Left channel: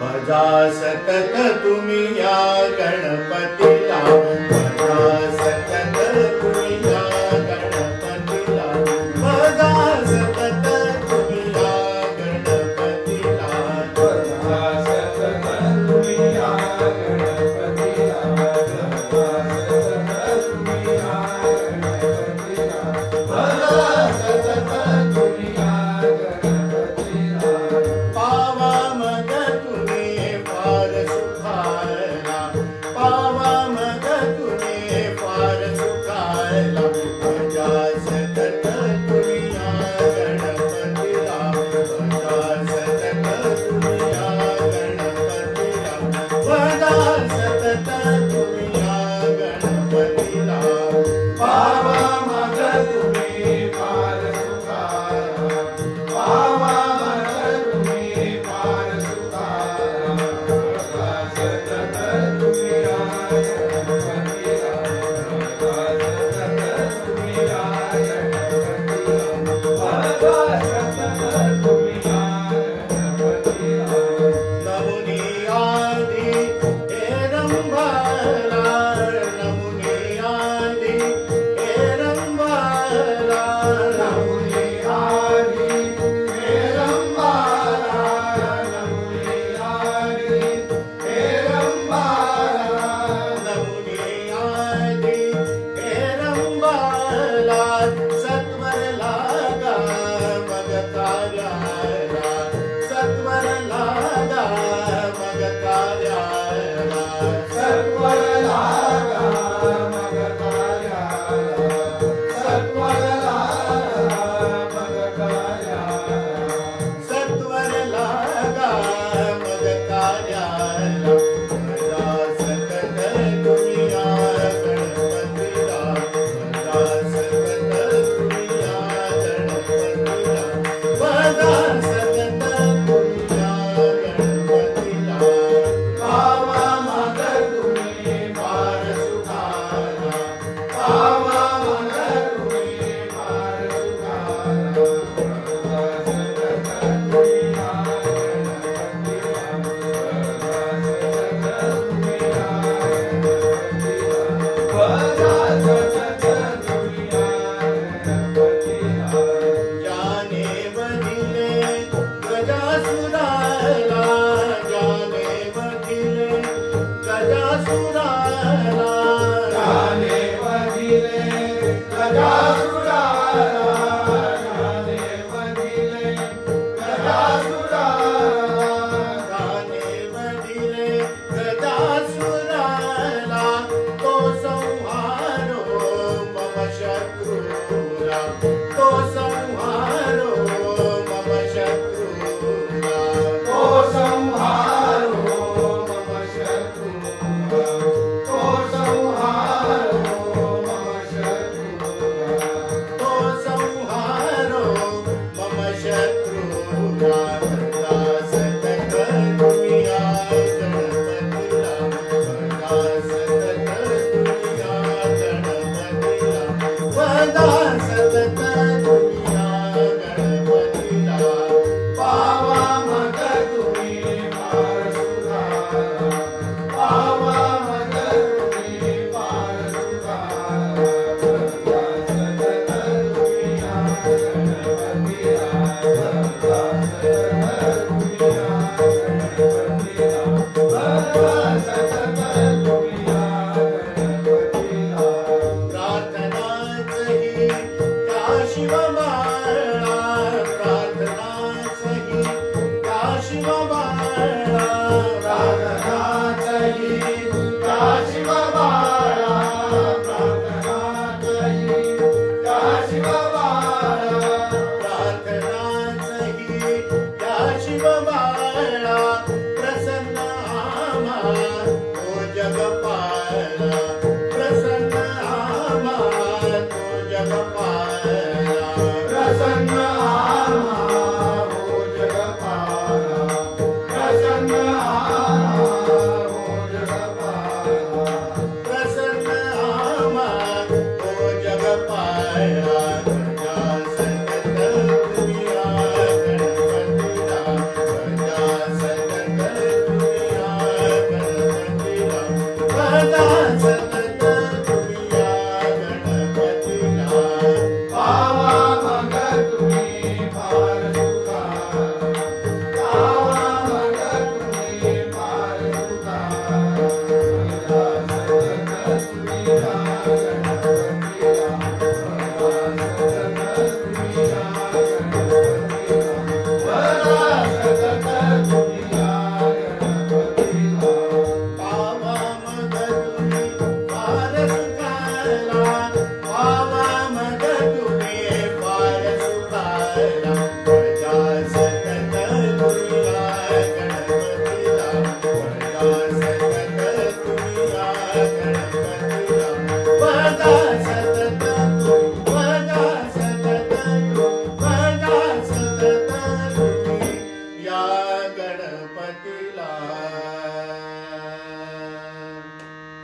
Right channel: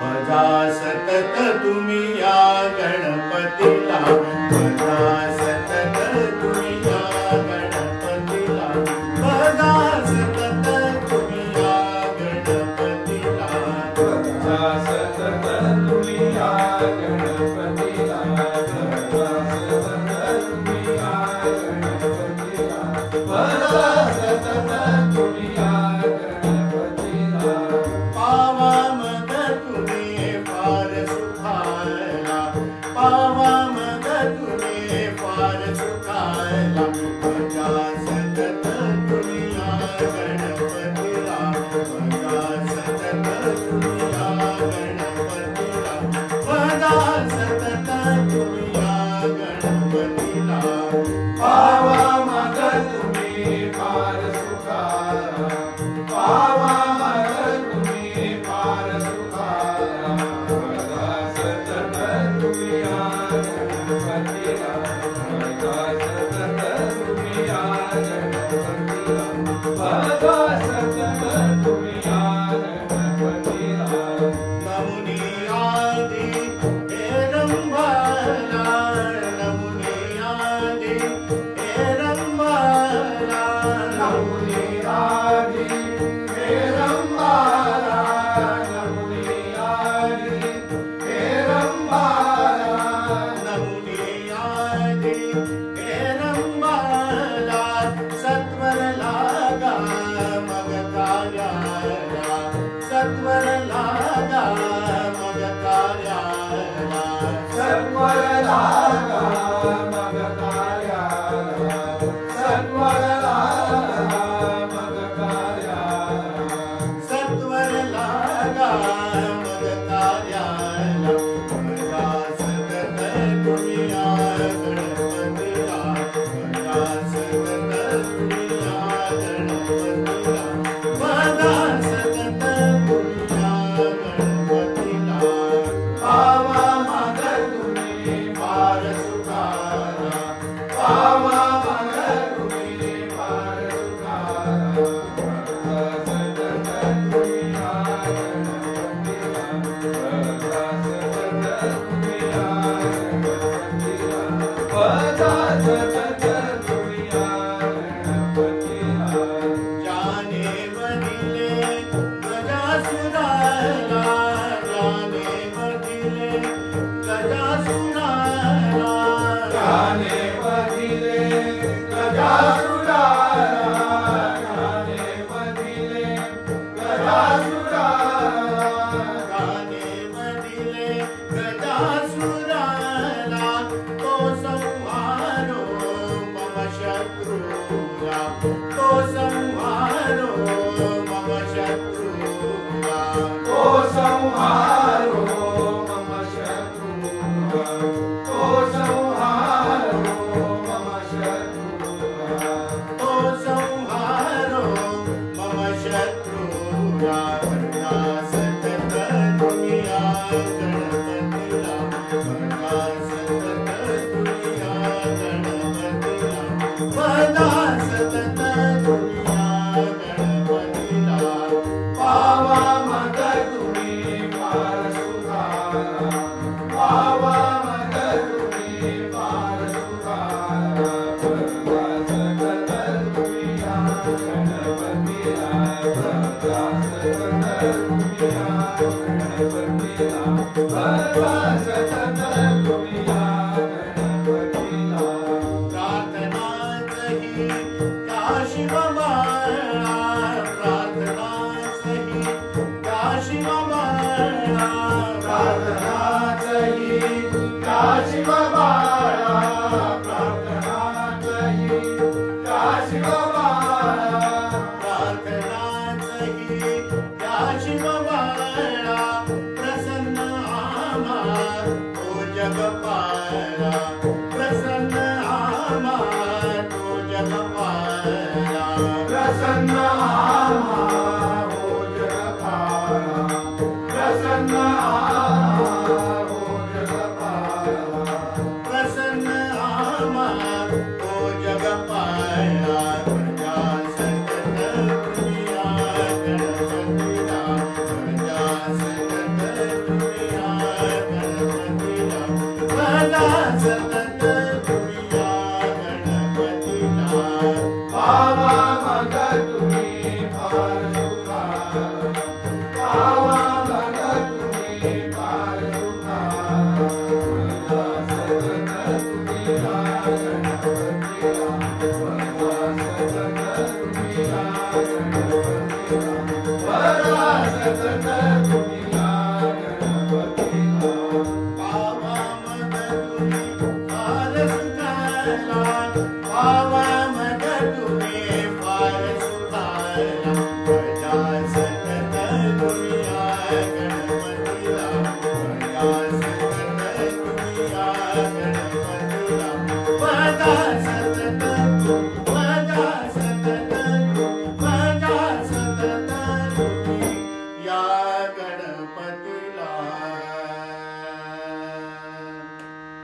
भजा सतत तुम्ही या गणपतीला, भजा सतत तुम्ही या गणपतीला, भजा सतत तुम्ही या गणपतीला, भजा सतत तुम्ही या गणपतीला, भजा सतत तुम्ही या गणपतीला, पावा मग तुम्ही फार सुखायला, पावा मग तुम्ही फार सुखायला, भजा सतत तुम्ही या गणपतीला, भजा सतत तुम्ही या गणपतीला, भजा सतत तुम्ही या गणपतीला, पावा मग तुम्ही फार सुखायला, पावा मग तुम्ही फार सुखायला, भजा सतत तुम्ही या गणपतीला, भजा सतत तुम्ही या गणपतीला, भजा सतत तुम्ही या गणपतीला, नमुनी आदि हे रंभाला, नमुनी आदि हे रंभाला, नमुनी आदि हे रंभाला, नमुनी आदि हे रंभाला, नमुनी आदि हे रंभाला, सत्वर लागा मग कार्याला, सत्वर लागा मग कार्याला, सत्वर लागा मग कार्याला, सत्वर लागा मग कार्याला, सत्वर लागा मग कार्याला, भजा सतत तुम्ही या गणपतीला, भजा सतत तुम्ही या गणपतीला, भजा सतत तुम्ही या गणपतीला, पावा मग तुम्ही फार सुखायला, पावा मग तुम्ही फार सुखायला, भजा सतत तुम्ही या गणपतीला, भजा सतत तुम्ही या गणपतीला, भजा सतत तुम्ही या गणपतीला, ज्याने बधिले गजासुराला, ज्याने बधिले गजासुराला, ज्याने बधिले गजासुराला, ज्याने बधिले गजासुराला, ज्याने बधिले गजासुराला, तो संहारो मम शत्रूला, तो संहारो मम शत्रूला, तो संहारो मम शत्रूला, तो संहारो मम शत्रूला, तो संहारो मम शत्रूला, भजा सतत तुम्ही या गणपतीला, भजा सतत तुम्ही या गणपतीला, भजा सतत तुम्ही या गणपतीला, पावा मग तुम्ही फार सुखायला, पावा मग तुम्ही फार सुखायला, भजा सतत तुम्ही या गणपतीला, भजा सतत तुम्ही या गणपतीला, भजा सतत तुम्ही या गणपतीला, प्रार्थनाचही त्या शिवबाळा, प्रार्थनाचही त्या शिवबाळा, प्रार्थनाचही त्या शिवबाळा, प्रार्थनाचही त्या शिवबाळा, प्रार्थनाचही त्या शिवबाळा, प्रसन्न आम्हा तो जगपाळा, प्रसन्न आम्हा तो जगपाळा, प्रसन्न भजा सतत दुनिया गणपतीला भजा सतत दुनिया गणपतीला भजा सतत भजा सतत भजा सतत दुनिया गणपतीला